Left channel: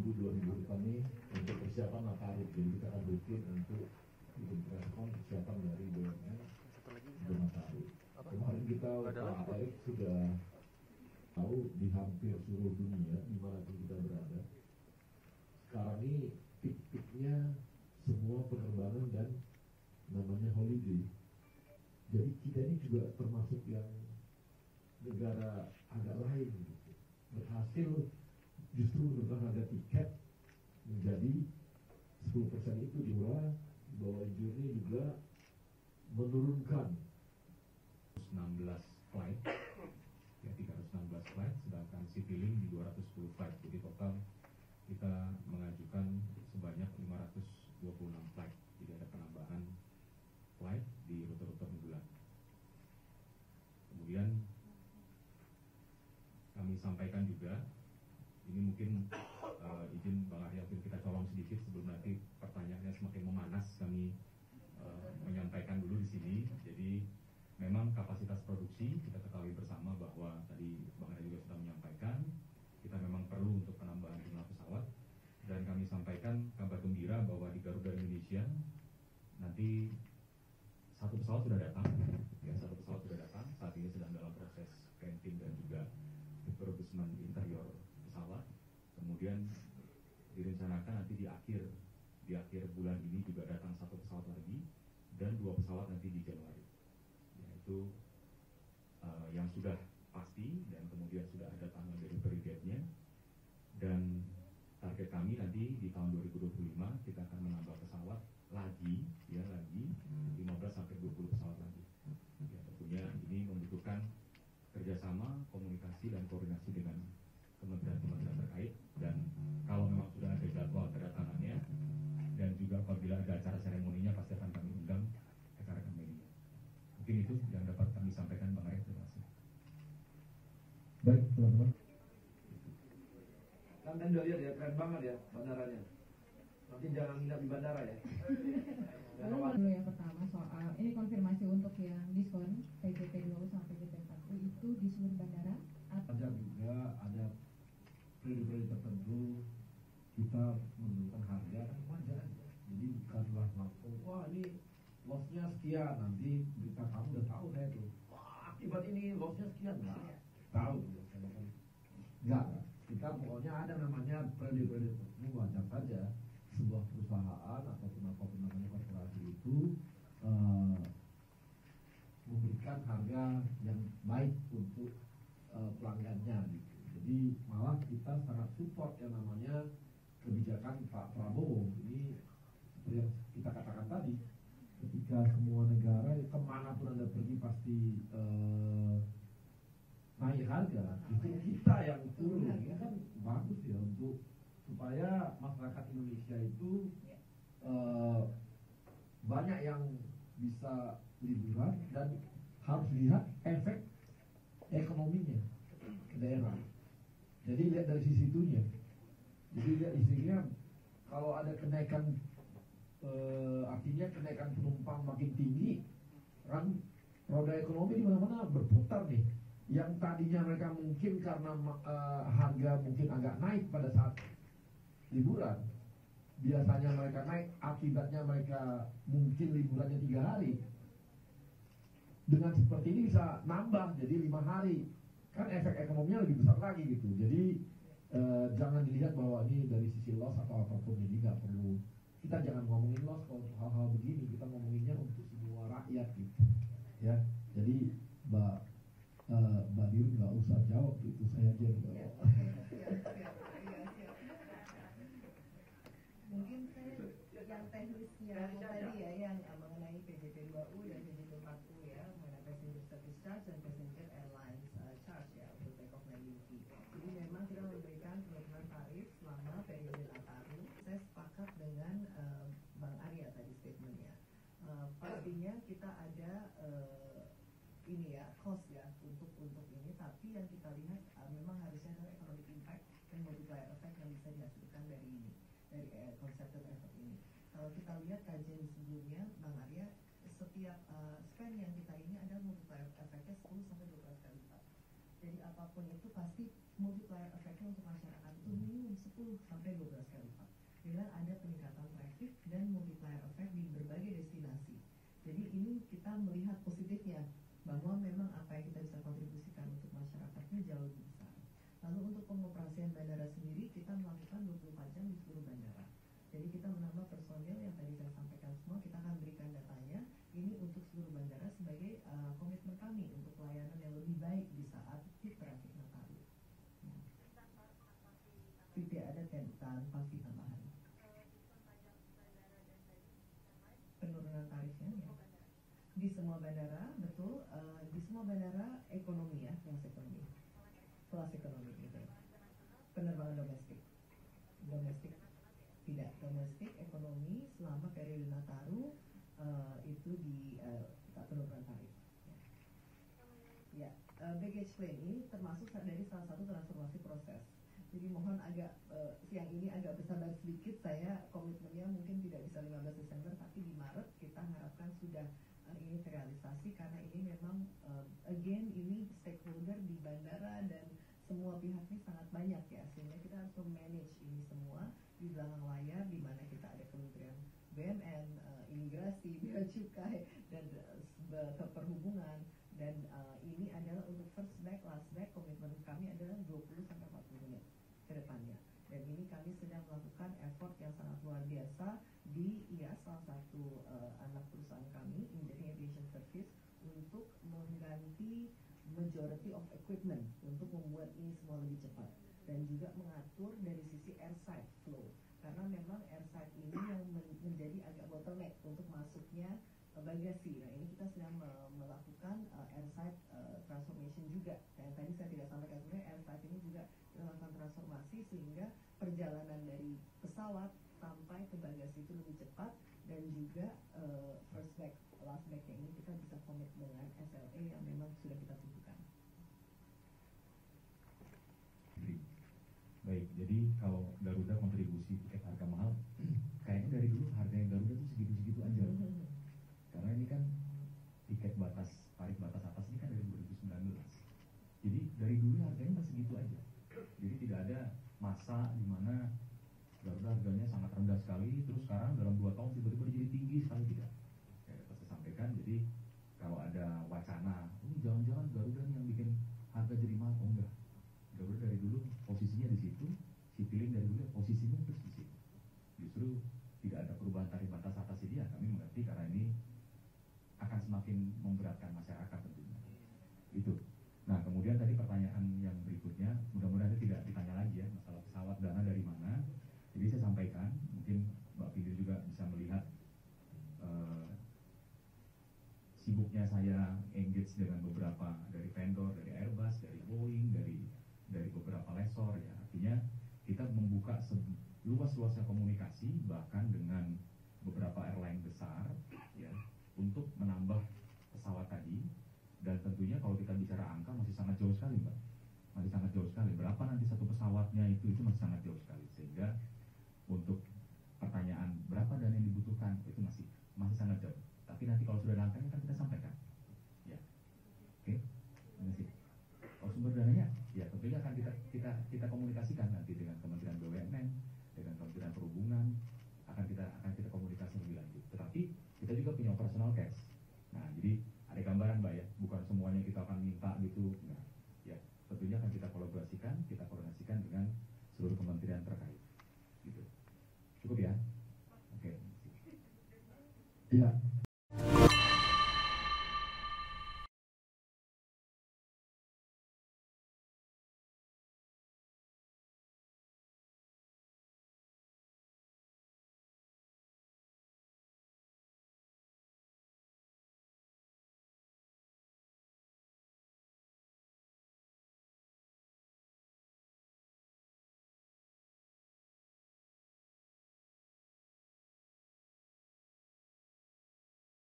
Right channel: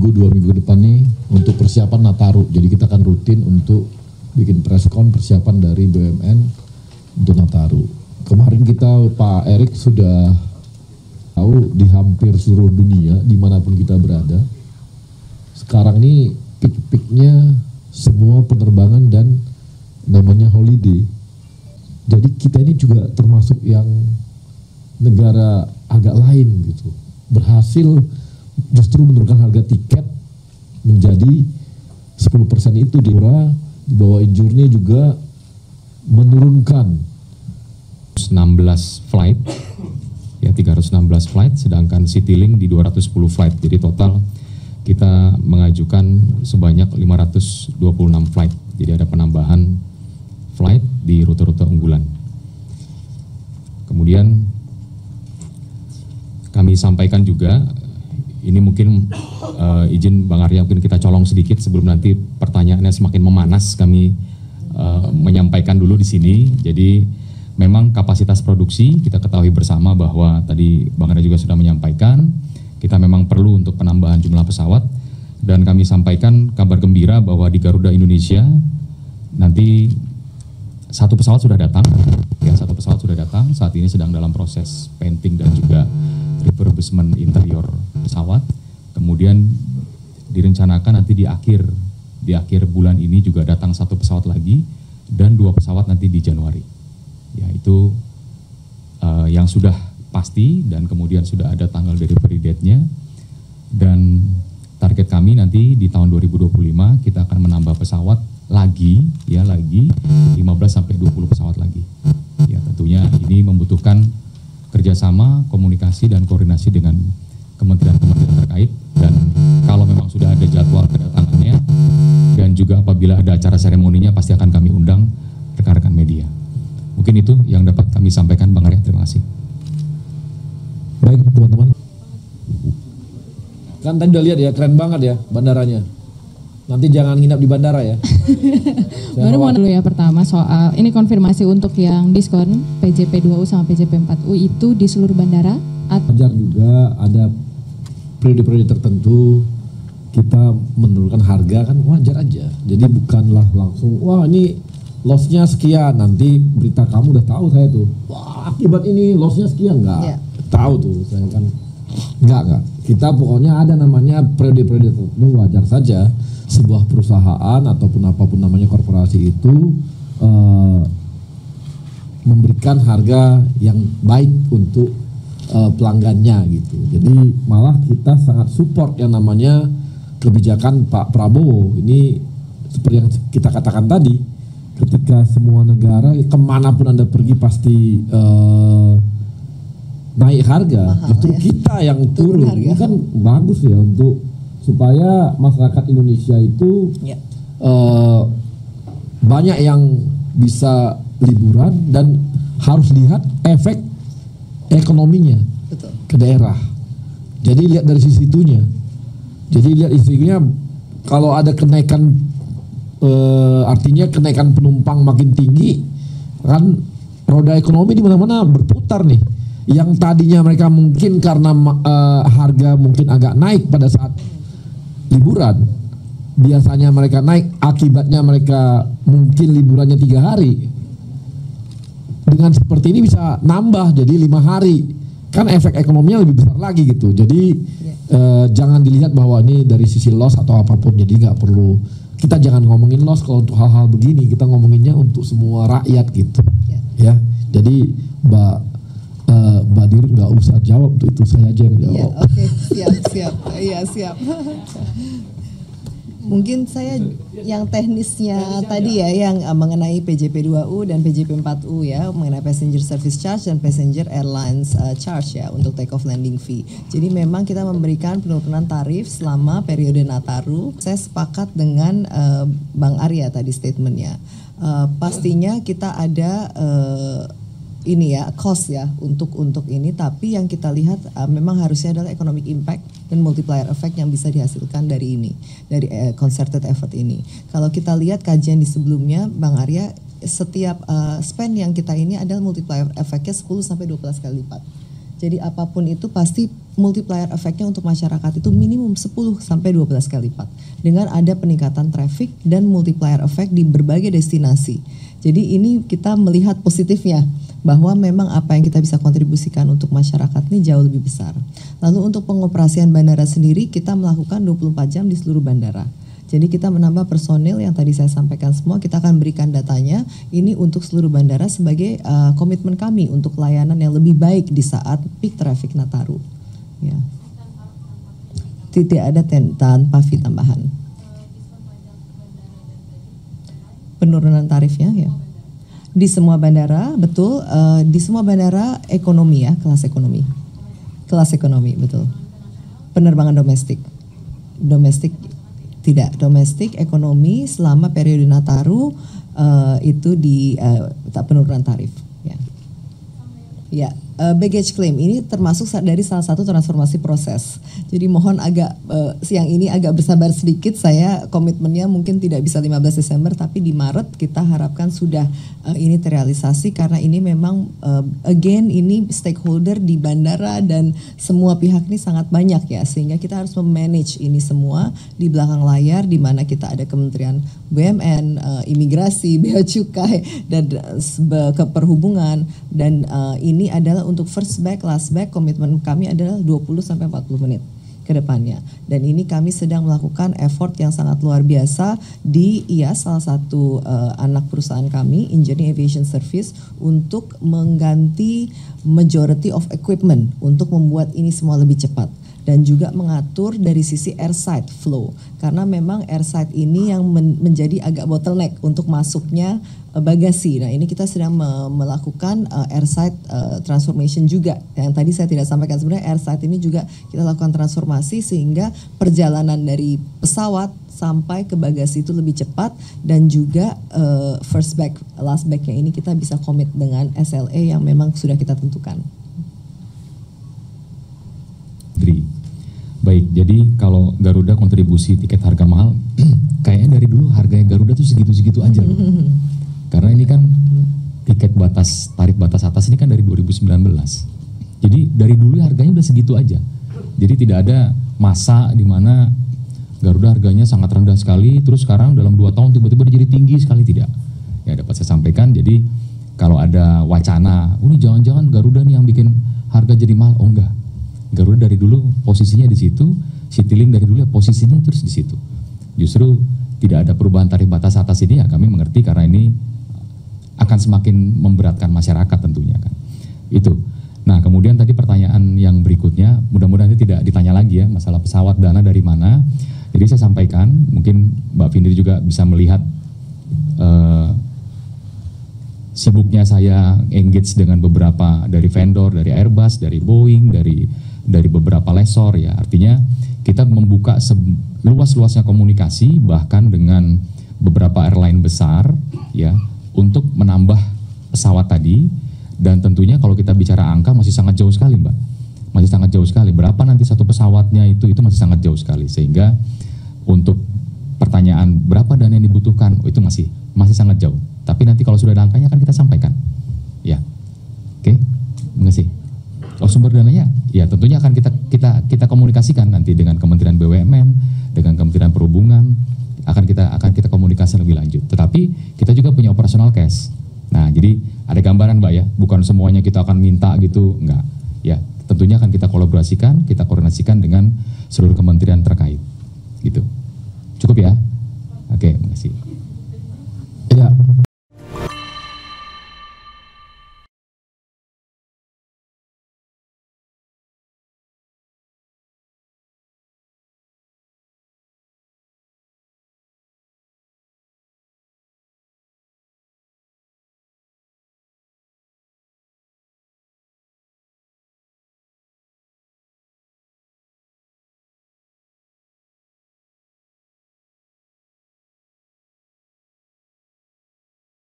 seminggu 2 minggu depan nih untuk persiapan Nataru. Jadi kita akan rutin untuk bikin preskon persiapan dari BUMN untuk Nataru. Kemarin kita Pak Erik sudah tahu di hampir seluruh dunia dimanapun kita berada. Sekarang ini peak-peaknya semua penerbangan dan namanya holiday. Jadi kita ini juga termasuk yang negara agak lain gitu. Berhasil justru menurunkan harga tiket menjadi 10% itu di bawah Injurni juga menurunkan 16 flight ya 316 flight, sedangkan Citylink di 210 flight. Jadi total kita mengajukan sebanyak 526 flight. Jadi ada penambahan flight di rute-rute unggulan. Kemudian kami sampaikan juga, ini mungkin izin Bang Arya mungkin kita colong sedikit sebelum nanti pertanyaannya semakin memanas, kami menyampaikan dulu di sini. Jadi memang kapasitas produksi kita ketahui bersama bahwa tadi Bang Arya juga sudah menyampaikan, kita memang perlu untuk penambahan jumlah pesawat, dan kami sampaikan kabar gembira bahwa di Garuda Indonesia nanti satu pesawat sudah datang, ya satu pesawat sudah datang, saat ini sedang dalam proses painting dan juga refurbishment interior pesawat. Kemudian direncanakan nanti di akhir bulan ini juga datang satu pesawat lagi dan 2 pesawat nanti di Januari. Ya itu yang sudah pasti, dan kemudian sudah ada tanggal delivery date-nya, dan target kami nanti di tahun 2025 kita akan menambah pesawat lagi 15 sampai 20 pesawat lagi. Ya tentunya ini membutuhkan kerjasama, komunikasi dan koordinasi dengan kementerian-kementerian terkait, dan kalau memang sudah ada jadwal kedatangannya dan juga apabila ada acara seremoninya pasti akan kami undang rekan-rekan media. Mungkin itu yang dapat kami sampaikan, Bang Arya. Terima kasih. Baik teman-teman. Kan tadi udah lihat ya, keren banget ya bandaranya. Nanti jangan nginap di bandara ya. Baru mau dulu ya, pertama soal ini konfirmasi untuk yang diskon PJP2U sama PJP4U itu di seluruh bandara. Wajar juga ada periode-periode tertentu kita menurunkan harga, kan wajar aja. Jadi bukanlah langsung wah ini loss-nya sekian, nanti berita kamu udah tahu saya tuh. Wah akibat ini loss-nya sekian, enggak. Tahu tuh saya kan. Enggak. Kita pokoknya ada namanya periode-periode tertentu, wajar saja sebuah perusahaan ataupun apapun namanya korporasi itu memberikan harga yang baik untuk pelanggannya gitu. Jadi malah kita sangat support yang namanya kebijakan Pak Prabowo. Ini seperti yang kita katakan tadi, ketika semua negara kemanapun Anda pergi pasti naik harga, justru kita yang turun. Ini kan bagus ya untuk supaya masyarakat Indonesia itu banyak yang bisa liburan dan harus lihat efek ekonominya ke daerah. Jadi lihat dari sisi itunya. Jadi lihat isinya, kalau ada kenaikan artinya kenaikan penumpang makin tinggi, kan roda ekonomi di mana-mana berputar nih. Yang tadinya mereka mungkin karena harga mungkin agak naik pada saat liburan, biasanya mereka naik, akibatnya mereka mungkin liburannya 3 hari. Dengan seperti ini bisa nambah jadi 5 hari, kan efek ekonominya lebih besar lagi gitu. Jadi jangan dilihat bahwa ini dari sisi loss atau apapun. Jadi nggak perlu, kita jangan ngomongin loss kalau untuk hal-hal begini, kita ngomonginnya untuk semua rakyat gitu. Ya, jadi Mbak Dir nggak usah jawab, itu saya aja yang jawab. Oke, siap. Iya siap. Mungkin saya yang teknisnya tadi ya, yang mengenai PJP2U dan PJP4U ya, mengenai passenger service charge dan passenger airlines charge ya untuk take off landing fee. Jadi memang kita memberikan penurunan tarif selama periode Nataru. Saya sepakat dengan Bang Arya tadi statementnya. Pastinya kita ada ini ya cost ya untuk ini, tapi yang kita lihat memang harusnya adalah economic impact dan multiplier effect yang bisa dihasilkan dari ini, dari concerted effort ini. Kalau kita lihat kajian di sebelumnya Bang Arya, setiap spend yang kita ini adalah multiplier effect-nya 10 sampai 12 kali lipat. Jadi apapun itu pasti multiplier efeknya untuk masyarakat itu minimum 10 sampai 12 kali lipat dengan ada peningkatan traffic dan multiplier effect di berbagai destinasi. Jadi ini kita melihat positifnya bahwa memang apa yang kita bisa kontribusikan untuk masyarakat ini jauh lebih besar. Lalu untuk pengoperasian bandara sendiri kita melakukan 24 jam di seluruh bandara. Jadi kita menambah personil yang tadi saya sampaikan semua, kita akan berikan datanya ini untuk seluruh bandara sebagai komitmen kami untuk layanan yang lebih baik di saat peak traffic Nataru. Ya. Tidak ada tanpa fee tambahan. Penurunan tarifnya ya. Di semua bandara, betul, di semua bandara ekonomi ya, kelas ekonomi. Kelas ekonomi, betul. Penerbangan domestik. Domestik tidak, domestik ekonomi selama periode Nataru itu di penurunan tarif. Ya, ya baggage claim ini termasuk dari salah satu transformasi proses. Jadi mohon agak siang ini agak bersabar sedikit. Saya komitmennya mungkin tidak bisa 15 Desember, tapi di Maret kita harapkan sudah ini terrealisasi karena ini memang again ini stakeholder di bandara dan semua pihak ini sangat banyak ya, sehingga kita harus memanage ini semua di belakang layar di mana kita ada Kementerian BUMN, imigrasi, bea cukai dan keperhubungan dan ini adalah untuk first bag, last bag, komitmen kami adalah 20 sampai 40 menit ke depannya. Dan ini kami sedang melakukan effort yang sangat luar biasa di IAS, salah satu anak perusahaan kami, Engineering Aviation Service, untuk mengganti majority of equipment untuk membuat ini semua lebih cepat. Dan juga mengatur dari sisi airside flow. Karena memang airside ini yang menjadi agak bottleneck untuk masuknya bagasi. Nah ini kita sedang melakukan airside transformation juga. Yang tadi saya tidak sampaikan, sebenarnya airside ini juga kita lakukan transformasi sehingga perjalanan dari pesawat sampai ke bagasi itu lebih cepat dan juga first bag, last bagnya ini kita bisa komit dengan SLA yang memang sudah kita tentukan. Baik, jadi kalau Garuda kontribusi tiket harga mahal, kayaknya dari dulu harganya Garuda tuh segitu-segitu aja loh. Karena ini kan tiket batas, tarif batas atas ini kan dari 2019. Jadi dari dulu harganya udah segitu aja. Jadi tidak ada masa di mana Garuda harganya sangat rendah sekali, terus sekarang dalam 2 tahun tiba-tiba jadi tinggi sekali, tidak. Ya dapat saya sampaikan, jadi kalau ada wacana, ini jangan-jangan Garuda nih yang bikin harga jadi mahal, oh enggak. Garuda dari dulu posisinya di situ, Citylink dari dulu ya posisinya terus di situ. Justru tidak ada perubahan tarif batas atas ini ya kami mengerti karena ini akan semakin memberatkan masyarakat tentunya kan. Itu. Nah kemudian tadi pertanyaan yang berikutnya, mudah-mudahan ini tidak ditanya lagi ya masalah pesawat dana dari mana. Jadi saya sampaikan, mungkin Mbak Findri juga bisa melihat sibuknya saya engage dengan beberapa dari vendor, dari Airbus, dari Boeing, dari beberapa lessor ya. Artinya kita membuka luas-luasnya komunikasi bahkan dengan beberapa airline besar ya untuk menambah pesawat tadi, dan tentunya kalau kita bicara angka masih sangat jauh sekali Mbak. Masih sangat jauh sekali. Berapa nanti satu pesawatnya itu masih sangat jauh sekali. Sehingga untuk pertanyaan berapa dana yang dibutuhkan, itu masih sangat jauh. Tapi nanti kalau sudah ada angkanya akan kita sampaikan. Ya. Oke. Terima kasih. Oh, sumber dananya ya tentunya akan kita komunikasikan nanti dengan Kementerian BUMN, dengan Kementerian Perhubungan, akan kita komunikasi lebih lanjut. Tetapi kita juga punya operational cash. Nah, jadi ada gambaran Mbak ya, bukan semuanya kita akan minta gitu, enggak. Ya, tentunya akan kita kolaborasikan, kita koordinasikan dengan seluruh kementerian terkait.